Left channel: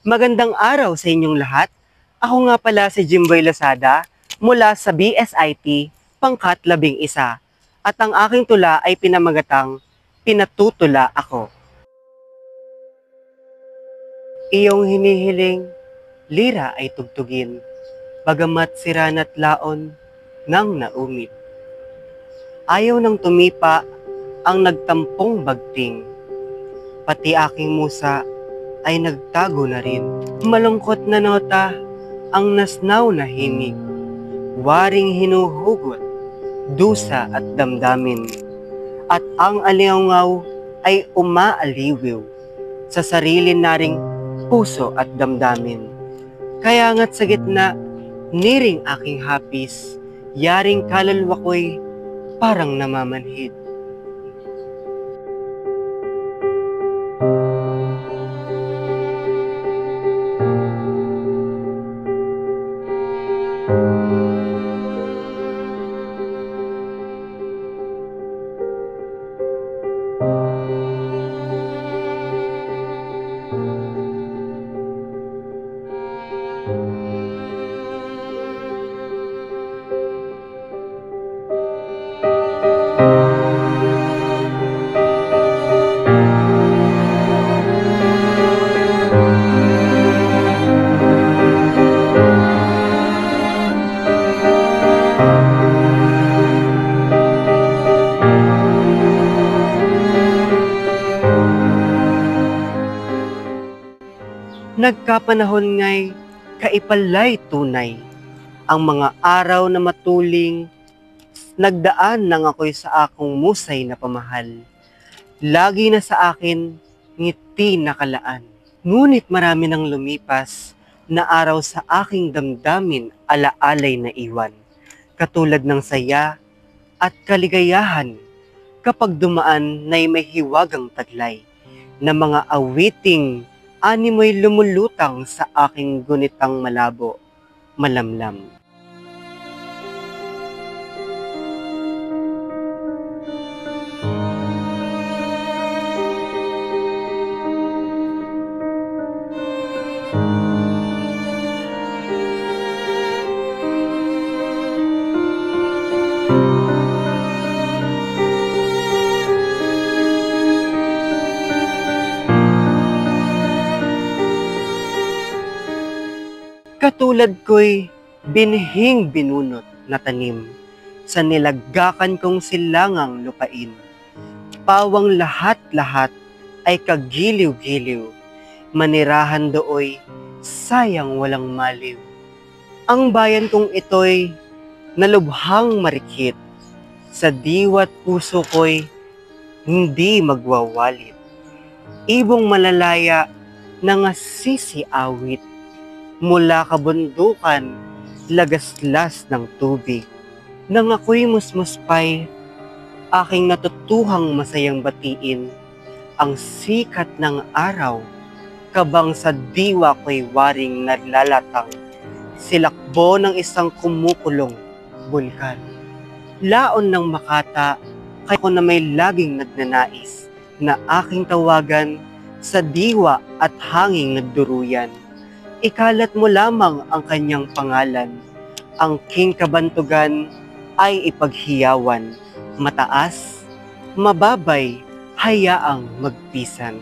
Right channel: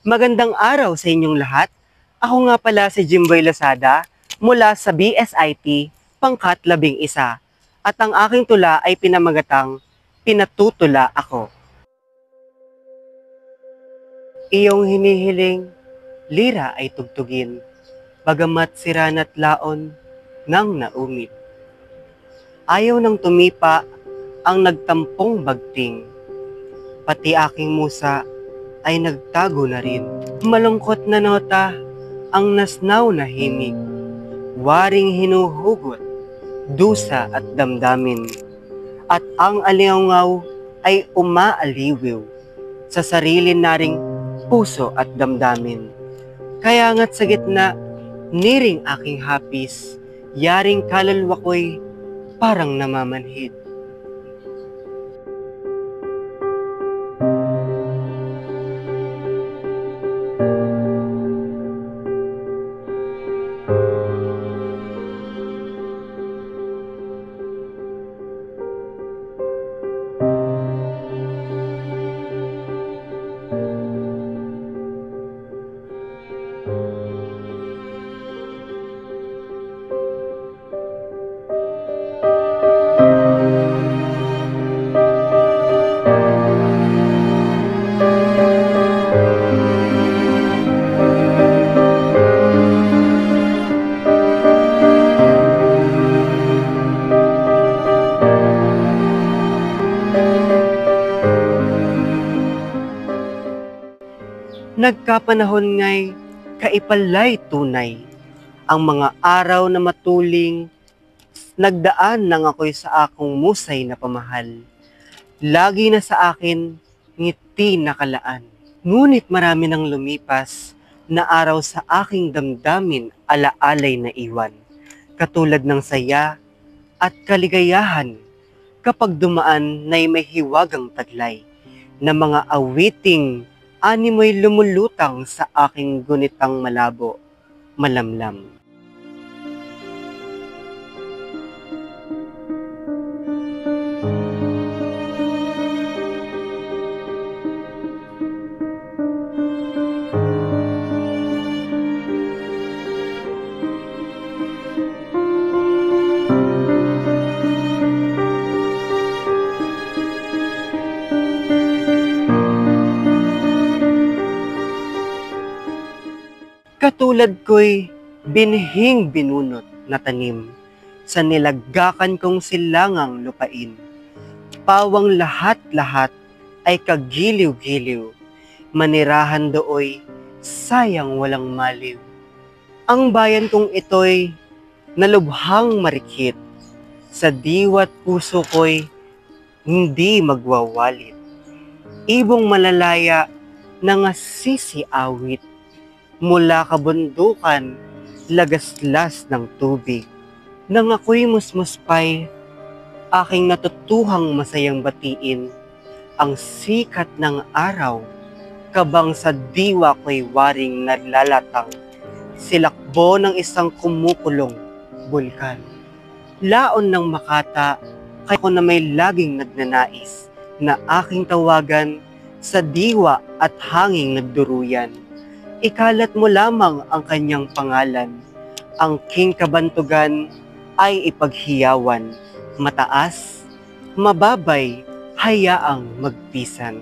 Magandang araw sa inyong lahat. Ako nga pala si Jimboy Losada mula sa BSIT Pangkat 11 at ang aking tula ay pinamagatang Pinatutula Ako. Iyong hinihiling, lira ay tugtugin, bagamat sirana't laon nang naumit. Ayaw nang tumipa ang nagtampong bagting, pati aking musa ay nagtago na rin. Malungkot na nota ang nasnaw na himig, waring hinuhugot, dusa at damdamin. At ang aliangaw ay umaaliwiw sa sarili naring puso at damdamin. Kaya nga't sa gitna, niring aking hapis, yaring kaluluwa ko'y parang namamanhid. Nagkapanahon nga'y kaipalay tunay, ang mga araw na matuling, nagdaan nang ako'y sa akong musay na pamahal. Lagi na sa akin, ngiti nakalaan. Ngunit marami nang lumipas, na araw sa aking damdamin alaalay na iwan. Katulad ng saya at kaligayahan, kapag dumaan na'y may hiwagang taglay, na mga awiting animoy lumulutang sa aking gunitang malabo, malamlam. Katulad ko'y binhing binunot na tanim sa nilaggakan kong silangang lupain. Pawang lahat-lahat ay kagiliw-giliw, manirahan dooy sayang walang maliw. Ang bayan kong ito'y nalubhang marikit, sa diwa't puso ko'y hindi magwawalit. Ibong malalaya na nga sisiawit, mula kabundukan, lagaslas ng tubig. Nang ako'y musmuspay, aking natutuhang masayang batiin ang sikat ng araw, kabang sa diwa ko'y waring naglalatang, silakbo ng isang kumukulong bulkan. Laon ng makata, kaya ko na may laging nagnanais na aking tawagan sa diwa at hanging nagduruyan. Ikalat mo lamang ang kanyang pangalan. Ang king kabantugan ay ipaghiyawan. Mataas, mababay, hayaang magpisan.